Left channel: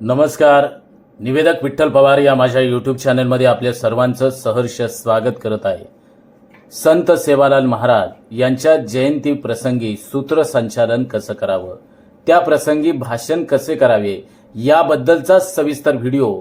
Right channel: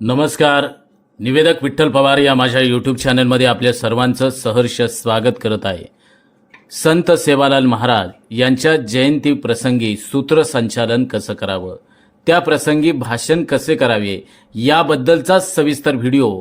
नमस्कार. निवेदक विठ्ठल पवार या माझ्या यूट्यूब चॅनलमध्ये आपल्या सर्वांचं सहर्ष स्वागत करत आहे. संत सेवालाल महाराज यांच्या जयंती प्रसंगी सूत्रसंचालन कसं करावं, त्या प्रसंगी भाषण कसे करावे याबद्दलचा सविस्तर व्हिडिओ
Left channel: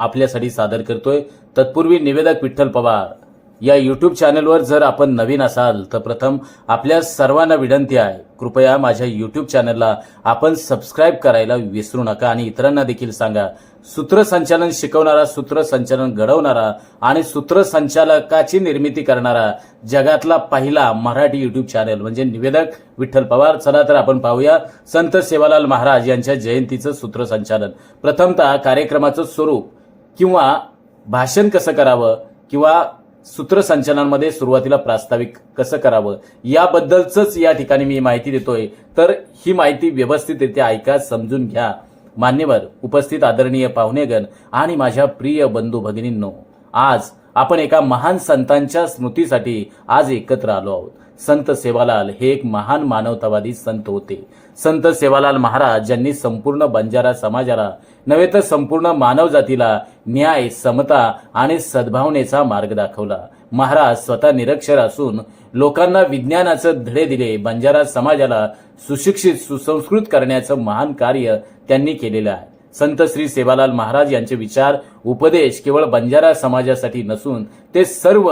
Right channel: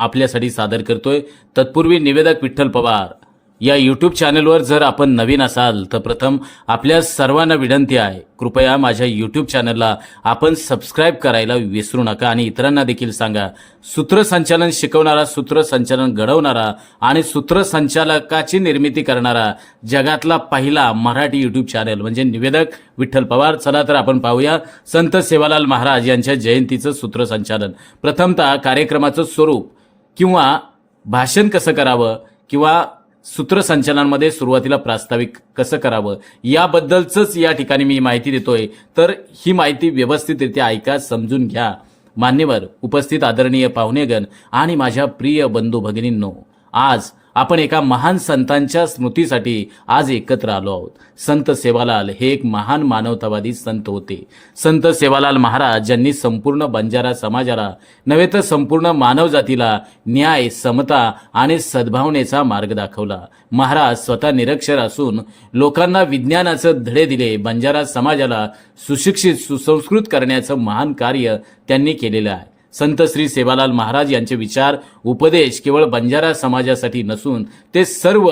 आपल्यासाठी सादर करतोय. तत्पूर्वी निवेदक विठ्ठल पवार या यूट्यूब चॅनलवर जर आपण नवीन असाल तर प्रथम आपल्या सर्वांना विनंती आहे, कृपया माझ्या यूट्यूब चॅनलला आपण सबस्क्राईब करायला विसरू नका आणि इतरांना देखील सांगा. सूत्रसंचालन शिकवणारा, सूत्रसंचालन घडवणारा आणि सूत्रसंचालकाची निर्मिती करणारा जगातला पहिला मराठी यूट्यूब चॅनल म्हणजे निवेदक विठ्ठल पवार. चला तर आपण पाहूया संत सेवालाल महाराज यांच्या जयंतीचं सूत्रसंचालन. प्रथमतः कार्यक्रमाचं स्वरूप किंवा भाषण कसं करावं किंवा सूत्रसंचालनामध्ये सुरुवातीला प्रास्ताविक कसं करावं याबद्दलच या ठिकाणी मी माहिती देतोय. तर ही माहिती व्यवस्थितरित्या ऐका, समजून घ्या. मान्यवर, उपस्थित आदरणीय पाहुणेगण आणि माझ्या प्रिय बंधू भगिनींनो, आज आपण एका महान संतांच्या स्मृतीसाठी आज एकत्र आलो आहोत. संत सेवालाल हे एक महान मानवतावादी संत होते. संत सेवालाल महाराज ज्यांनी संपूर्ण बंजारा समाजाला नव्हे तर संपूर्ण मानव जातीला न्याय, समता आणि सद्भावनेचा मार्ग दाखवला. महाराज स्वतः निरक्षर असून लोकांना विज्ञानाचं धडे दिले. बंजारा समाजाला सुशिक्षित, सुसंस्कृत करण्याचं महान कार्य त्यांनी केलेलं आहे. संत श्री सेवालाल महाराज यांचे विचार, उपदेश केवळ बंजारा समाजासाठी नसून ते सर्व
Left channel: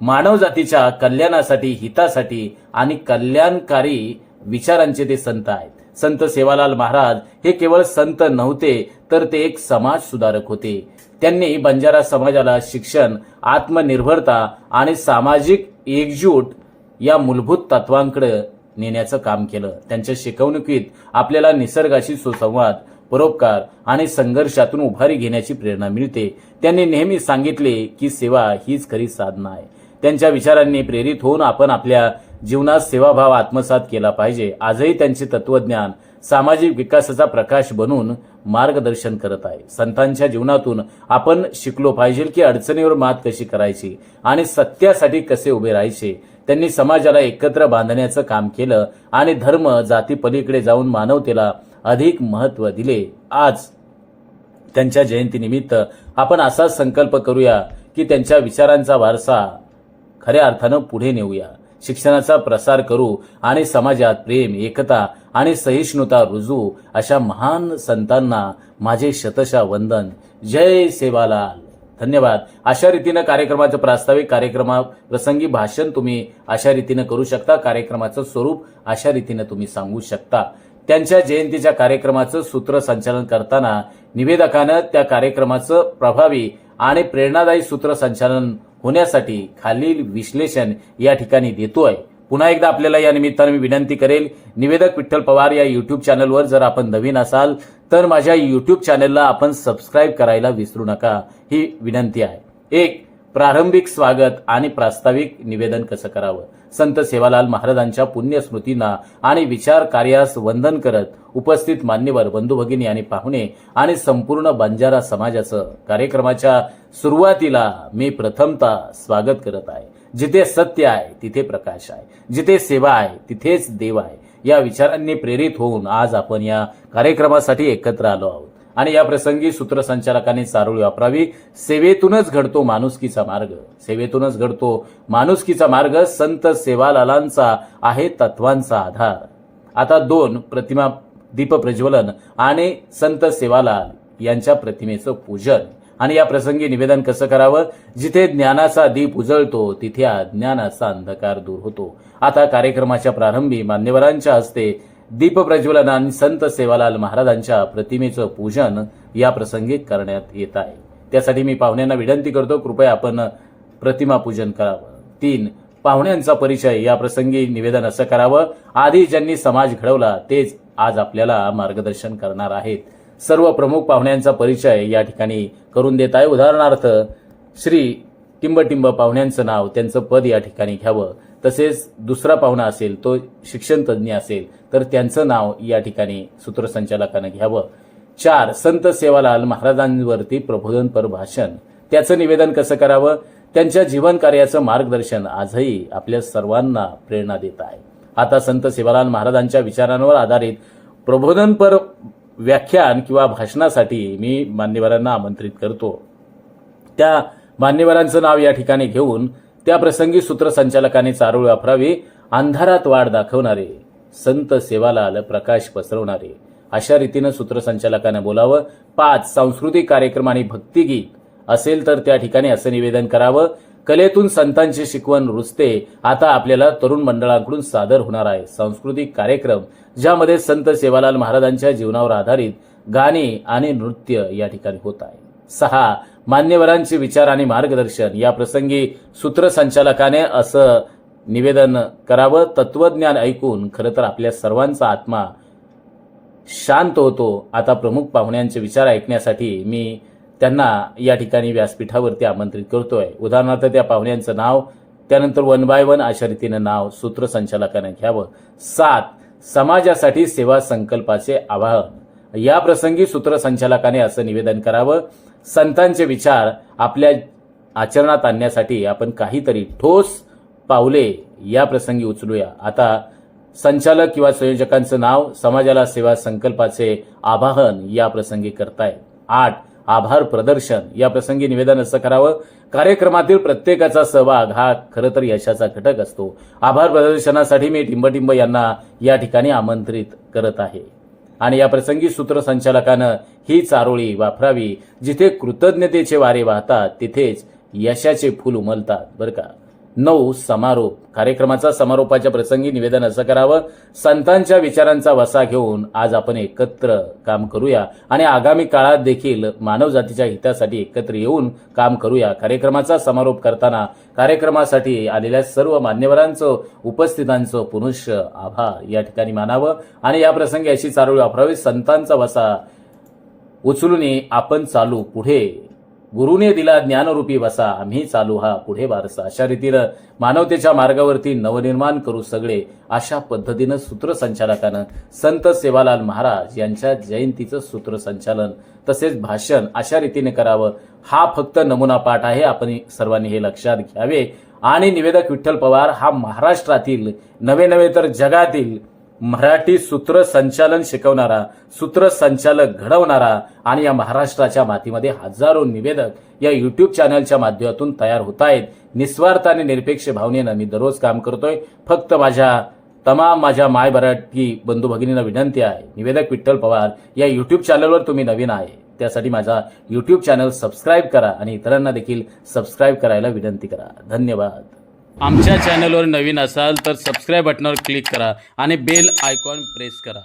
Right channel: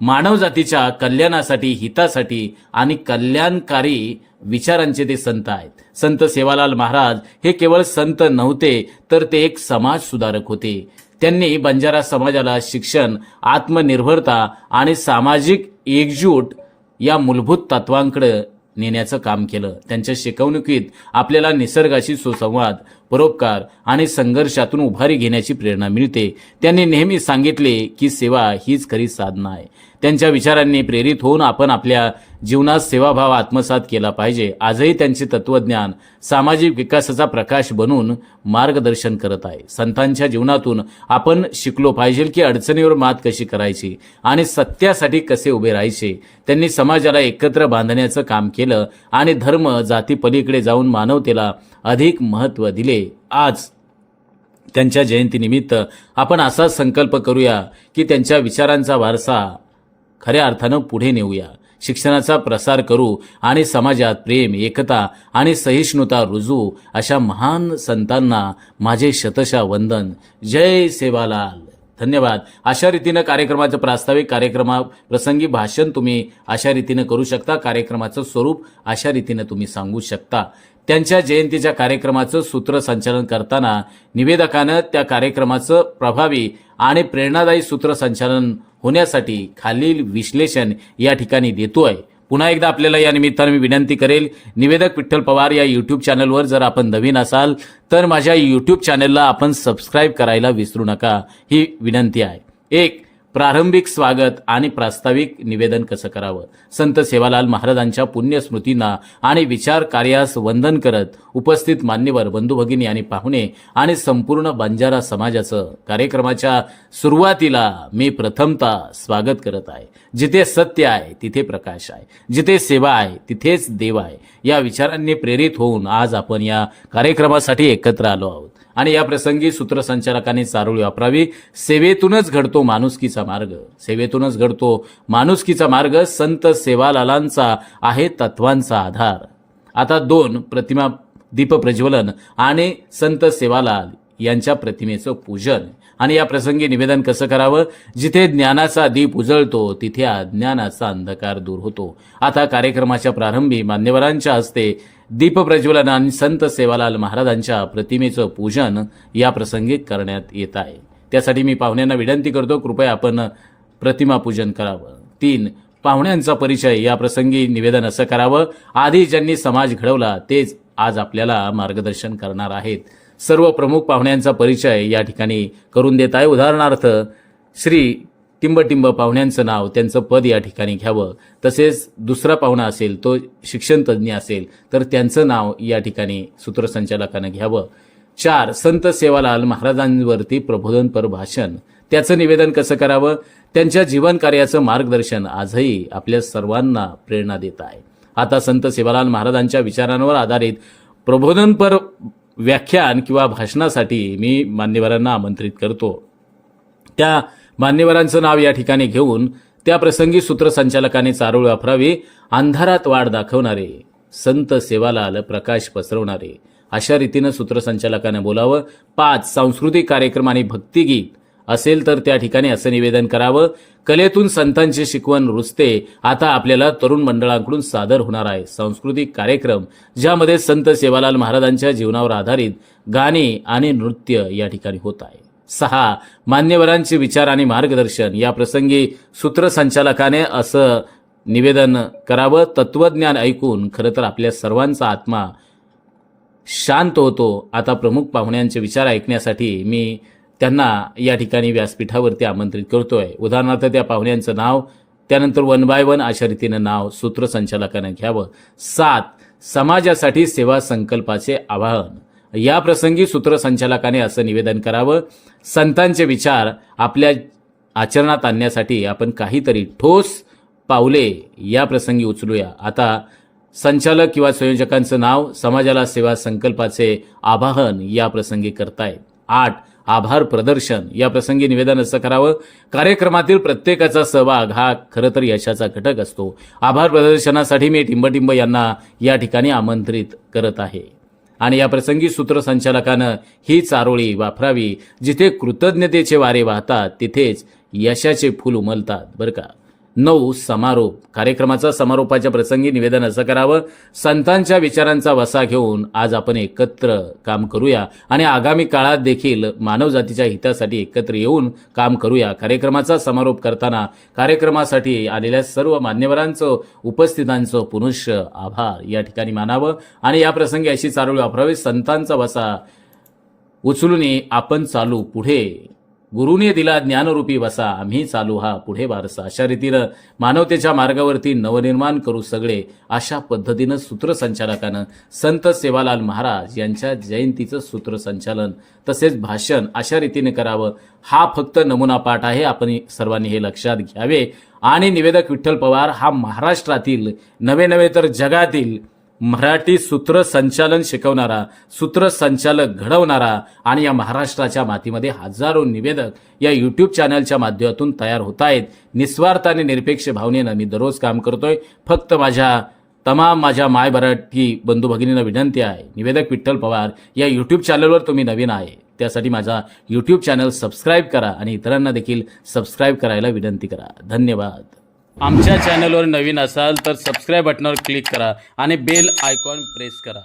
मानवजातीच्या कल्याणासाठी, हितासाठी आणि कल्याणकारी विचारांचे ते संत आहेत. संत सेवालाल महाराज हे केवळ संत नव्हते तर ते एक समाज सुधारक होते. त्यांनी बंजारा समाजाला शिक्षण, आत्मनिर्भरता आणि सामाजिक एकजूट या मूलभूत तत्वांकडे नेण्याचं काम केलं. त्यांच्या शिकवणुकीत आपल्याला निसर्गाशी सुसंवाद, परोपकार आणि संघर्षातून उभारी घेण्याची प्रेरणा मिळते. त्यांनी नेहमी सांगितले की सेवा हीच खरी साधना आहे. त्यांच्या विचारांनी प्रेरित होऊन आपण आपल्या जीवनात सेवाभाव आत्मसात केला पाहिजे. आजही त्यांचे तत्वज्ञान सामाजिक विकासाचा प्रकाश बनून मार्गदर्शन करत आहे. संतांच्या जीवनातून आपण शिकलो पाहिजे की अडचणीवर मात कशी करायची आणि सत्यासाठी कसे उभे राहायचे. त्यांनी समाजाला एकत्र बांधण्याचं काम केलं आणि धर्म, जाती पलीकडे जाऊन मानवतेला अधिक महत्त्व दिले. आज त्यांच्या जयंतीनिमित्त आपण असा संकल्प करूया की त्यांच्या विचारांचा वारसा खऱ्या अर्थानं पुढे नेऊया. शिक्षणाचा प्रसार करू आणि समाजात प्रेम, एकता आणि सहिष्णुता रुजू. अशा महान संतांना माझे शतशः वंदन. जय सेवालाल. धन्यवाद. अशा रीतीनं कार्यक्रमाचं प्रास्ताविक, कार्यक्रमाप्रसंगी भाषण तुम्ही अशा रीतीनं करू शकता. कार्यक्रमाचं स्वरूप अशा रीतीनं तुम्ही सांगू शकता. त्यांच्या जयंतीच्या कार्यक्रमाचं सूत्रसंचालन करताना निवेदकानं त्या कार्यक्रमाचं प्रभावी आणि प्रेरणादायी सूत्रसंचालन होण्यासाठी खालील विश्लेषण या ठिकाणी देतोय. पुन्हा एकदा आपल्याला या निमित्ताने मी विनंती करेल, निवेदक विठ्ठल पवार या यूट्यूब चॅनलवर जर आपण नवीन असाल तर माझ्या यूट्यूब चॅनलला आपण सबस्क्राईब करायला विसरू नका, ही विनंती आहे. एक, प्रारंभिक स्वागत आणि प्रास्ताविक निवेदन कसं करावं. संत सेवालाल महाराजांच्या पुण्यस्मृतींना आणि विचार कार्यास वंदन करत उपस्थित मान्यवर, बंधू भगिनी आणि पाहुणे आणि संपूर्ण बंजारा समाजाचं कार्यक्रमाच्या सुरुवातीला मी प्रथमतः स्वागत करत आहे. जिथे सत्य आहे तिथे प्रकाश आहे, जिथे सेवा आहे तिथेच देव आहे. या विचारांनी प्रेरित होऊन आज आपण या कार्यक्रमासाठी एकत्र आलो आहोत आणि या प्रसंगी सूत्रसंचालकांनी चारोळी वापरावी. सेवेतूनच घडतो माणुसकीचा मार्ग, सेवेतूनच घडतो माणुसकीचा मार्ग. संत सेवालालांचा आहे तत्वांचा आधार. आता 2, प्रतिमा दीप प्रज्वलन आणि संत सेवालाल यांच्या प्रतिमेचं पूजन. आणि या प्रसंगी निवेदन कसं करावं. जिथे ज्ञानाचा दीप उजळतो तिथे अज्ञानाचा अंधकार दूर होतो. आता कार्यक्रमाच्या प्रारंभी मान्यवरांच्या हस्ते दीप प्रज्वलन आणि संत सेवालाल महाराजांच्या प्रतिमेचं पूजन या प्रसंगी करण्यात येत आहे. त्यासाठी मी पाहुण्यांना विनंती करतो, कृपया आपण प्रतिमा पूजन करावं. 3, पाहुण्यांचा परिचय. या प्रसंगी निवेदन असं करावं. आधी ज्यांनी समाज घडवला तेच आज आपल्याला मार्गदर्शन करणार आहेत. सर्व प्रमुख पाहुण्यांचा परिचय या ठिकाणी करून देत आहे. उदाहरणार्थ श्री टिंबटिंब पाहुण्यांचं नाव, त्यांचं पद या ठिकाणी घ्यावं. तसेच दुसरा पाहुणा असेल तो शिक्षण तज्ज्ञ असेल तर त्यांचं नाव या ठिकाणी सूत्रसंचालकानं घ्यावं. 4, संत सेवालाल महाराजांवरती प्रबोधनपर भाषण. त्याचं निवेदन कसं करावं. त्यांच्या जीवन कार्याचं मार्गदर्शन आजही आपल्या सर्वांना प्रेरणा देत आहे. आता संत सेवालाल महाराजांच्या विचारांवर आधारित प्रबोधनपर व्याख्यान किंवा भाषणासाठी मी मान्यवरांना आमंत्रित करतो. त्या मान्यवरांचं नाव या ठिकाणी घेऊन त्या प्रसंगी सूत्रसंचालकाने चारोळी वापरावी. अंधारात वाट दाखवणारे, संत सेवालाल प्रकाश पसरवणारे अशा रीतीनं सूत्रसंचालकाने बोलावं. 5 सांस्कृतिक कार्यक्रम आणि भक्तिगीत असेल तर त्या ठिकाणी असं निवेदन करावं. कलेतून संतांची शिकवण रुजते. आता आपल्याला तरुण मंडळांकडून सादर होणार आहे सांस्कृतिक कार्यक्रम, ज्यामध्ये संत सेवालाल महाराजांच्या जीवनावर आधारित गाणी आणि नृत्य या ठिकाणी होत आहे. 6 मान्यवरांचे विचार आणि मार्गदर्शन. या प्रसंगी सूत्रसंचालकाने असं निवेदन करावं. तत्वज्ञान ऐकून खरं तर आपल्या सर्वांचा आत्मा शांत होतो. आता प्रमुख पाहुण्यांचे विचार ऐकण्यासाठी मी त्यांना या ठिकाणी व्यासपीठावरती आमंत्रित करतोय. उदाहरणार्थ त्या पाहुण्यांचं नाव, त्यानंतर 1 बाय 1 अशा रीतीनं नाव सूत्रसंचालकाने घ्यावं. 7 समाजासाठी सेवा संकल्पाचे आवाहन. या प्रसंगी सूत्रसंचालकाने असं निवेदन करावं. संतांचे विचार आपल्या आचरणात आणण्यासाठी आपण काहीतरी ठोस पावले या प्रसंगी उचलूया. आता संचालक किंवा संयोजकांचं नाव समाजाला सेवा संकल्पाचे आवाहन या प्रसंगी करतायत. 8 आभार प्रदर्शन. या प्रसंगी निवेदन असं करावं. कार्यक्रमातील प्रत्येकाचा सहभाग हा खरं तर यशाचा घटक असतो. आभार प्रदर्शनासाठी मी टिंबटिंब यांना या ठिकाणी आमंत्रित करत आहे. आणि या प्रसंगी सूत्रसंचालकानं ही चारोळी वापरावी. जिथे कृतज्ञतेचे वारे वाहतात तिथेच यशाचे फूल उमलतात बरं का. 9 समारोप. कार्यक्रमाचा समारोपाच्या प्रसंगी निवेदन असं करावं. संतांच्या विचारांचा वसा घेऊन आज आपण एकत्र काम करूया आणि आगामी काळात देखील मानवजातीच्या हितासाठी एकत्र येऊन काम करूया. कार्यक्रमाचा समारोप करताना कार्यक्रमासाठी आलेल्या सर्व मान्यवरांचं, उपस्थितांचं पुनश्च आभार या ठिकाणी मानावं. आणि या प्रसंगी अशी चारोळी वापरावी. संतांचा वसा उचलून आपण चालू पुढे, गुरुने दिला ज्ञानरूपी वसा, आम्ही चालू हा पुढे वारसा. अशा रीतीनं मानवतेच्या मार्गावरती नवनिर्माण करू सगळे. अशा पद्धतीनं सूत्रसंचालकानं संत सेवालाल महाराज यांच्या जयंतीचं सूत्रसंचालन तसेच भाषण अशा रीतीने करावं. हा फक्त नमुना पाठ आहे, आपण सर्वांनी हे लक्षात घ्यावे. आणि निवेदक विठ्ठल पवार हा महाराष्ट्रातील नवे तर जगातील मराठी सूत्रसंचालन शिकवणारा, सूत्रसंचालक घडवणारा आणि या महाराष्ट्राच्या मातीमध्ये हजारो निवेदक या यूट्यूब चॅनलच्या माध्यमातून तयार होत आहेत. निस्वार्थ आणि निरपेक्ष भावनेनं मी दररोज काम करतोय. फक्त माझ्या माय मराठी बंधू भगिनींना विनंती आहे, निवेदक विठ्ठल पवार या यूट्यूब चॅनलवर तुम्ही नवीन आहे त्यासाठी माझा यूट्यूब चॅनल सबस्क्राईब करा आणि इतरांना देखील सबस्क्राईब करायला विनंती करा. धन्यवाद. आमच्या चॅनलवर नवीन असाल तर सबस्क्राईब बटनावर क्लिक करा आणि बेल आयकॉन प्रेस करा.